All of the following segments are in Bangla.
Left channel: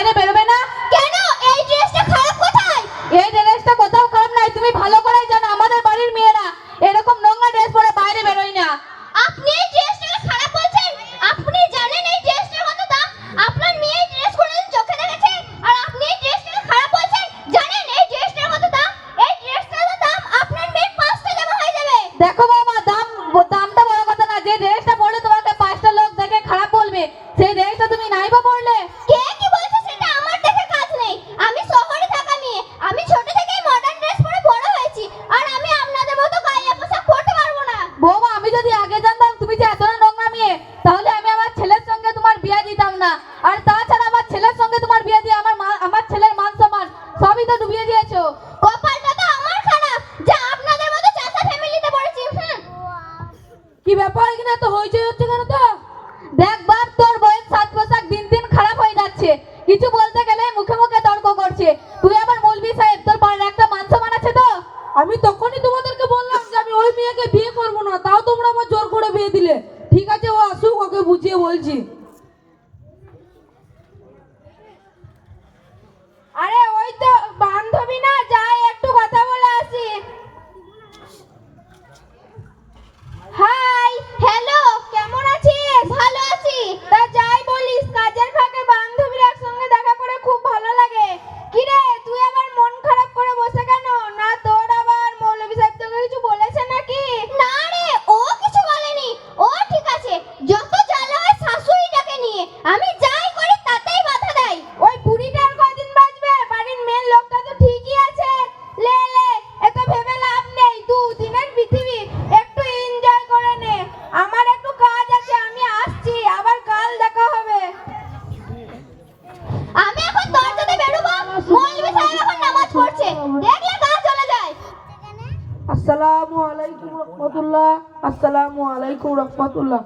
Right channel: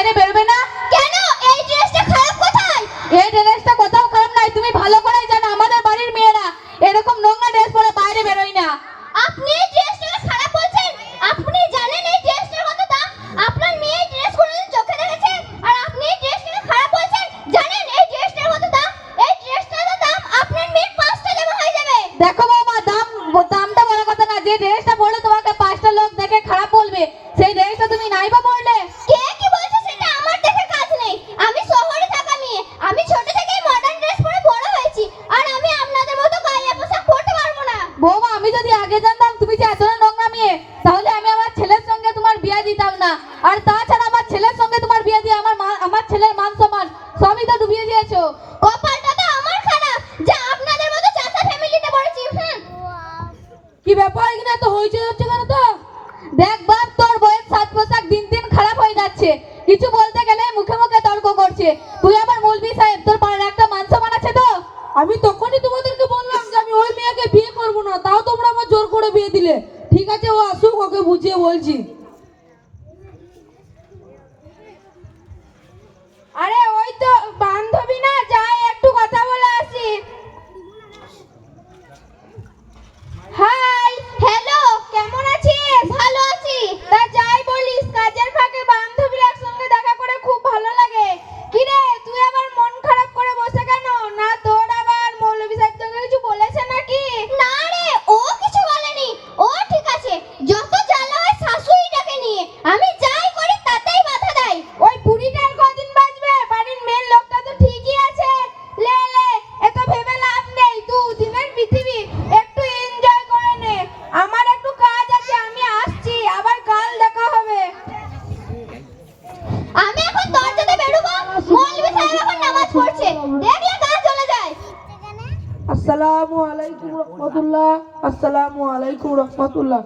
বাইরে বেরোবে না? কেন? এই ড্রেসটা খারাপ কোথায়? এই ড্রেসটা কোথাও খারাপ নাই, তুমি ভালো করে জানো আমাদের বাড়ির মেয়েরা এরকম নোংরা ড্রেস পরে বাইরে বেরোয় না। আপনি এই ড্রেসটা খারাপ বলছেন? আপনি জানেন এই ড্রেসটার কত দাম? আপনার মেয়ে এই ড্রেস কোনোদিন চোখে দেখেছে? আর আপনি এই ড্রেসটাকে খারাপ বলছেন? জানেন এই ড্রেসটার কত দাম? এই ড্রেসটার দাম আপনার মেয়ের 5টা জামা হয়ে যাবে। দেখো বাবা, দামটা বড় কথা না, যে ড্রেসটা পরলে তোমাকে 5টা লোক দেখে খারাপ বলবে সেই ড্রেসটা তুমি নাইবা পরলে। কে কি বলছে সেটা আমার দেখার কাজ নেই। আমি শহরে থাকা মেয়ে, আমি ছোট থেকেই মডার্ন ড্রেস পরে বড় হয়েছি, আর আমি আপনাদের মতো গায়ে পোশাক পরতে পারবো না। বৌমা, আমি যদি আগে জানতাম তুমি যে এতটা নোংরা মেয়ে, তাহলে আমি আমার ছেলের সঙ্গে তোমার বিয়ে দিতাম না। আর তাছাড়া আমার ছেলের সঙ্গে তোমার বিয়ে দিয়ে আমার ছেলের মান সম্মান সবই তো ডুবিয়ে দিয়েছো। কপালটা তো আমার খারাপ যে আপনাদের মতো চাচা ফ্যামিলিতে পড়েছি। কি ব্যাপার, এখানে তো হইচই হচ্ছে কেন? তো দেখ বাপ, তোর বউয়ের সাজ পোশাক দিন দিন খারাপ হয়ে যাচ্ছে, কিছু বলতে গেলে মুখে মুখে তর্ক করছে। তুই আবার মৌলভী সাহেব, তোর পাড়ার একটা মান সম্মান আছে তো? আমি তখনই তোমাদেরকে বললাম যে আমি ওই মেয়েকে বিয়ে করব না, তাও তোমরা আমার জোর করে বিয়ে দিলে। ঠিক আছে, ও আসুক, ওকে বুঝিয়ে বলছি। আরে ওই তো বান্ধবী না, যাই একটু কথা বলে আসি। হাই, হ্যালো, কেমন আছিস? ভালো আছি। তা যাই বলিস, কাজের ফাঁকে বান্ধবীর একসঙ্গে দেখা করে খুব ভালো লাগে। কি রে, তুই আবার মন খারাপ করে বসে কেন? না তোর আবার মৌলভী সাহেব তোকে কিছু বলেছে নাকি? না রে, ও কিছু বলেনি। ও ঠিক আছে, যত জ্বালা হয় শাশুড়িটাকে নিয়ে। আমি যাই করি তাতেই বাধা দেয়। ওই বুড়িটার কদিন বাঁচবে? বাড়ির মেন লোকটা তো ঠিকই আছে। লে লে, এত ভেবে লাভ নেই, দুদিনের পৃথিবী, একটু এনজয় করে নে। আমার একটু কাজ আছে, আমি আসছি, আবার কাল দেখা হবে। আমি এখন দরজাতে বেরোবো, মৌলভী সাহেব এখন নামাজ পড়ছে, দেখলে কাজ চলে যায়। আসসালামু আলাইকুম রাহমাতুল্লাহ। আসসালামু আলাইকুম রাহমাতুল্লাহ।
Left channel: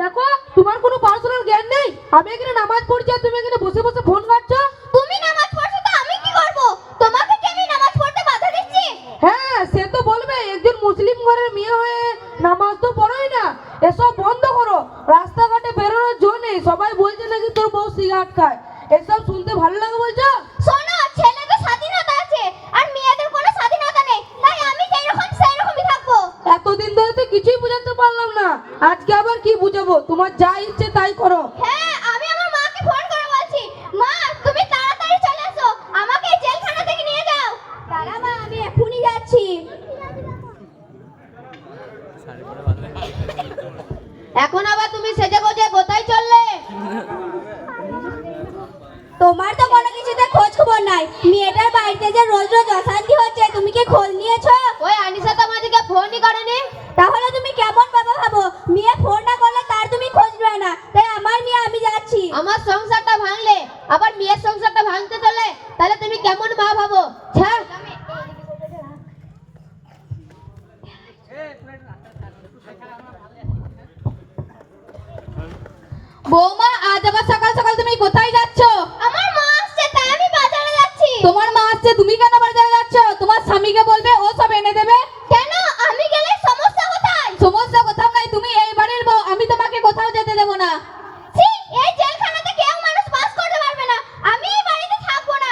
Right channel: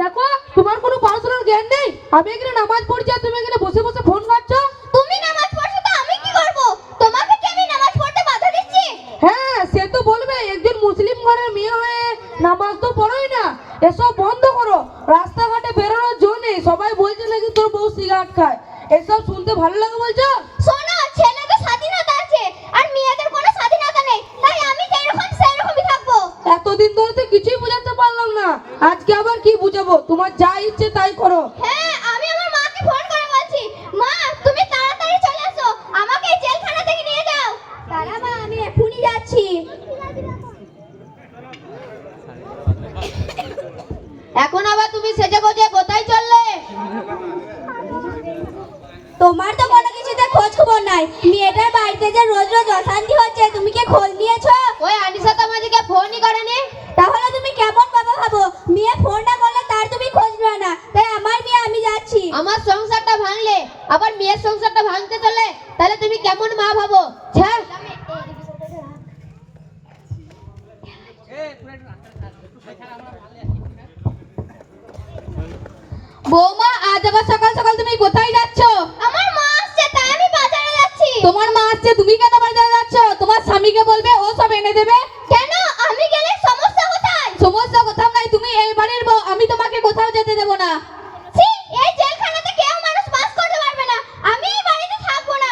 দেখো, তোমার কোনো পার্সোনাল জ্ঞান নেই। আমি এখানে নামাজ পড়ছি আর তুমি এখানে বসে বসে ফোন ঘাঁটছো। তুমি নামাজ পড়ছো তো আমি কি করব? তোমাকে কি আমি নামাজ পড়তে বাধা দিচ্ছি? হ্যাঁ, সে তো বলবে, একজন মুসলিম ঘরের মেয়ে হয়ে নামাজ তো পড়োই না। এসব বন্ধ করো, রাস্তাঘাটে বেরোনোর জো নেই। সবাই বলছে নাকি তোর বউ সিগারেট খায়, এসব শুনতে ভালো লাগে বলছো? শোনো, ছেলেদের স্বাধীনতা আছে আর মেয়েদের কোনো স্বাধীনতা নেই, তাই আমি যেরকম সেইরকমই থাকবো। এতদিন ধরে তো কিছুই বোঝাতে পারলাম না, আজকে আবার কি বুঝাবো? তোমার যা ইচ্ছে তাই করো। হ্যাঁ, আমি আমার মাকে ফোন করে বলছি, মা তুমি তাড়াতাড়ি চলে এসো, আমাকে এই জেলখানা থেকে নিয়ে যাও। দাঁড়া মা, আমি এখনই যাচ্ছি। এখন আবার তুমি সেজে গুজে কোথায় চললে? তোমার তো কোনো কিছুতে খোঁজ খবর নাই। মেয়েটার বাড়িতে যে রোজ রোজ অশান্তি হচ্ছে, তুমি কি খোঁজ নিয়েছো? ওই আনিসা তো আমাদেরকে ফোনই করেনি। তাহলে তুমি কেমন বাবা ভাবো? মেয়ে ফোন না করলে তার তুমি খোঁজ নেবে না, তাই আমার মেয়ে আমি যাচ্ছি। আমার সংসারটা ভাঙলে আবার মেয়ের সংসারটা ভাঙতে চলে, তাহলে তুমি কেমন মা ভাবো? হ্যাঁ, বৌমা, আজ আবার সকাল সকাল তুমি কোথায় যাচ্ছ? আমার মা আসছে, তাই আমি বাজারে যাচ্ছি। তোমার মা আসছে, তুমি কেন বাজারে যাচ্ছ? তোমার স্বামীকে বলবে, ও সব এনে দেবে। কেন? আমি গেলে সমস্যা কোথায়? সমস্যা কোথাও নাই, তুমি এই বাড়ির বউ, আমি তোমাকে কোথাও যেতে দেবো না। ছি, এই জেলখানাতে কেউ মানুষ বাস করতে পারবে না, আমি এই বাড়িতে থাকবো না।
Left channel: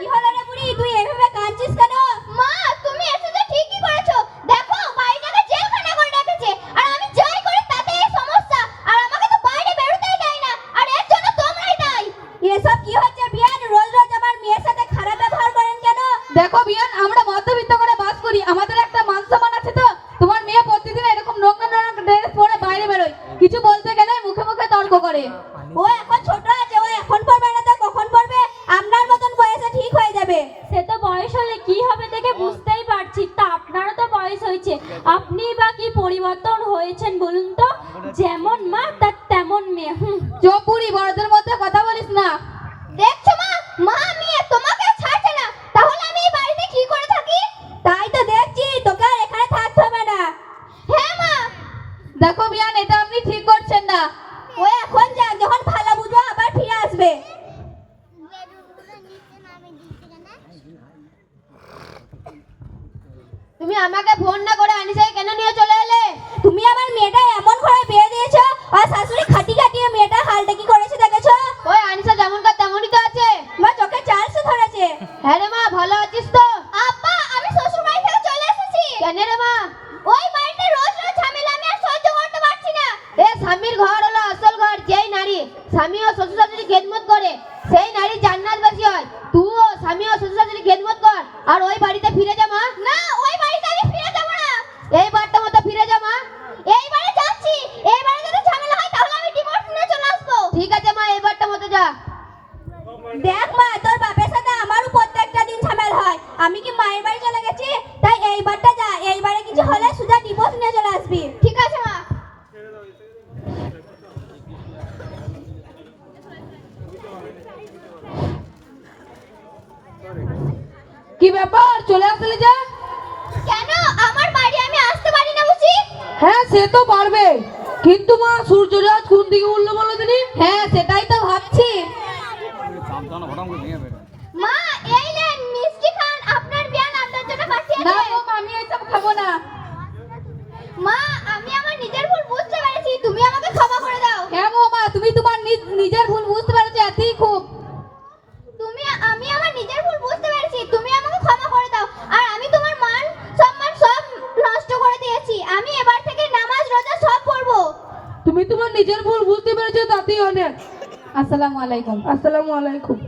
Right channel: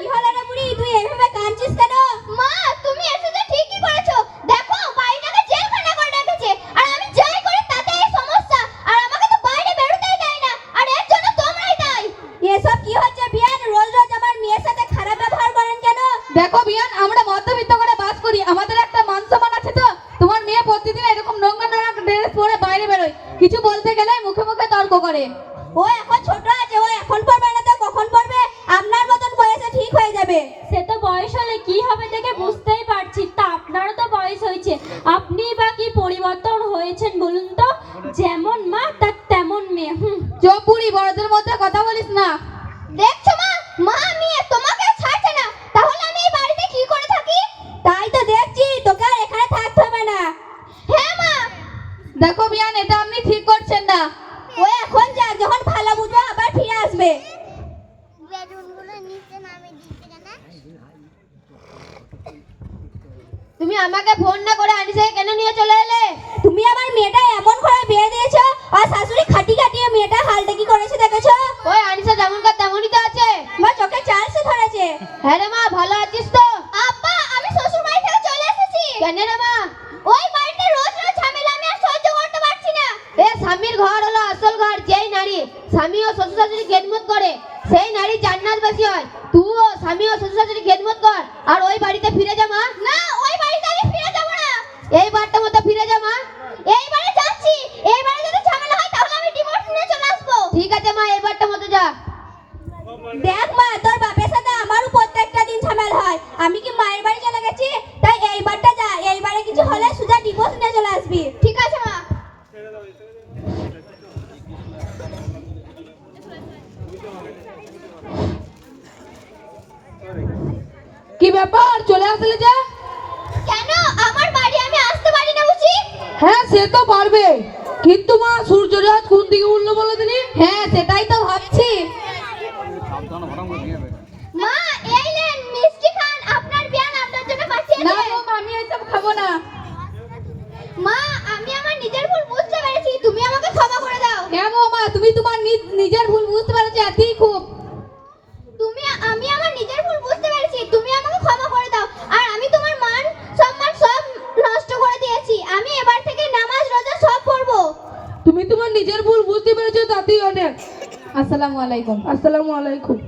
কি হলো রে বুড়ি, তুই এভাবে কাঁদছিস কেন? মা, তুমি এসেছো ঠিকই করেছো। দেখো, বাড়িটাকে জেলখানা করে রেখেছে, আর আমি যাই করি তাতেই সমস্যা, আর আমাকে তো বাইরে বেরোতেই দেয় না, আর এর জন্য তোমরাই দায়ী। এসব কি হচ্ছে বিয়ান? রোজ রোজ আমার মেয়ের সাথে খারাপ ব্যবহার করেন কেন? দেখো বিয়ান, আমরা মধ্যবিত্ত করে বাস করি, আমাদের একটা মান সম্মান আছে তো। তোমার মেয়ে প্রতিদিন এরকম নোংরা নোংরা ড্রেস পরে বাইরে বেরোয়, কিছু বলতে গেলে মুখে মুখে তর্ক করে। ও এখন ছোট আছে, ও এখন পড়বে না তো কখন পড়বে? আপনার মতন বয়সে ঠিক হয়ে যাবে। সে তো বয়স হলে কি হবে দেখে বুঝতেই পারছি, তা আপনারও তো বয়স হয়েছে, আপনি বা কি পরিবর্তন হয়েছেন বলুন তো? যেমন মা তার তেমন মেয়ে। চোখ পুরি, বড়দের মধ্যে কথা বলিস না। দেখছো মা, মা মেয়ে তোমাকে ছাড়ছে না, তাহলে আমি এই বাড়িতে কি করে থাকি? তাই তো দেখছি, তোকে আর এখানে থাকতে হবে না। হ্যাঁ মা। দেখো বিয়ান, এটা আপনি ঠিক করছেন না। ও এখন যাক, যখন ভালো বুঝবে আবার ফিরে আসবে। ঘর হলো আসল ঘর। যেই নারী স্বামী ও শ্বশুর শাশুড়ি খেদমত করে সেই নারী জান্নাতবাসী হয়। তুইও স্বামী ও শ্বশুর শাশুড়ি খেদমত কর আর ওই বাড়িতে ফিরে যা মা। না, ওই বাড়িতে আমি ফিরে যাব না। এই বাড়িটার মধ্যে ফিরে যা মা। এইবারে যাচ্ছি। এইবারে যদি ঝামেলা হয় তাহলে আমি ডিভোর্স নিয়ে চলে আসবো। ঠিক আছে মা, এই বাড়িটার মধ্যে যা। দেখ মা, তোর বাপের সাথে আমারও প্রত্যেকটা দিন ঝামেলা হয়। আমি কি মায়ের বাড়ি চলে গেছি? তাই এইবারটা যা, এইবারে কিছু হলে সুজা ডিভোর্স নিয়ে চলে আসবি। ঠিক আছে মা। কি ব্যাপার, চলে আসলে যা? কেন আমার বাড়ি আমি আসতে পারি না বুঝি? হ্যাঁ সে তো পারবে, কিন্তু মা সূর্যটা আজ কোন দিকে উঠলো বলো দিনি? হ্যাঁ সেটাই তো ভাবছি। মা, এই নেন মিষ্টি খান, আপনার জ্ঞান আপনার জন্য পাঠিয়েছে। না গো, আমি এসব খাবো না। মা, আমি আমার নিজের ভুল বুঝতে পেরেছি, তুমি আমাকে ক্ষমা করে দাও। হ্যাঁ গো মা, তুমি তোমার নিজের ভুল বুঝতে পেরেছো, এতই খুব। আমি আমার নিজের ভুল বুঝতে পেরেছি, তুমি আমাকে ক্ষমা করে দাও। আর আমি তোমার মান সম্মান সব নষ্ট করে দিয়েছি। আমি এবার থেকে নামাজ রোজা সব পড়বো। তুমি তোমার নিজের ভুল বুঝতে পেরেছো, তাতেই অনেক। আসসালামু আলাইকুম। আসসালামু আলাইকুম।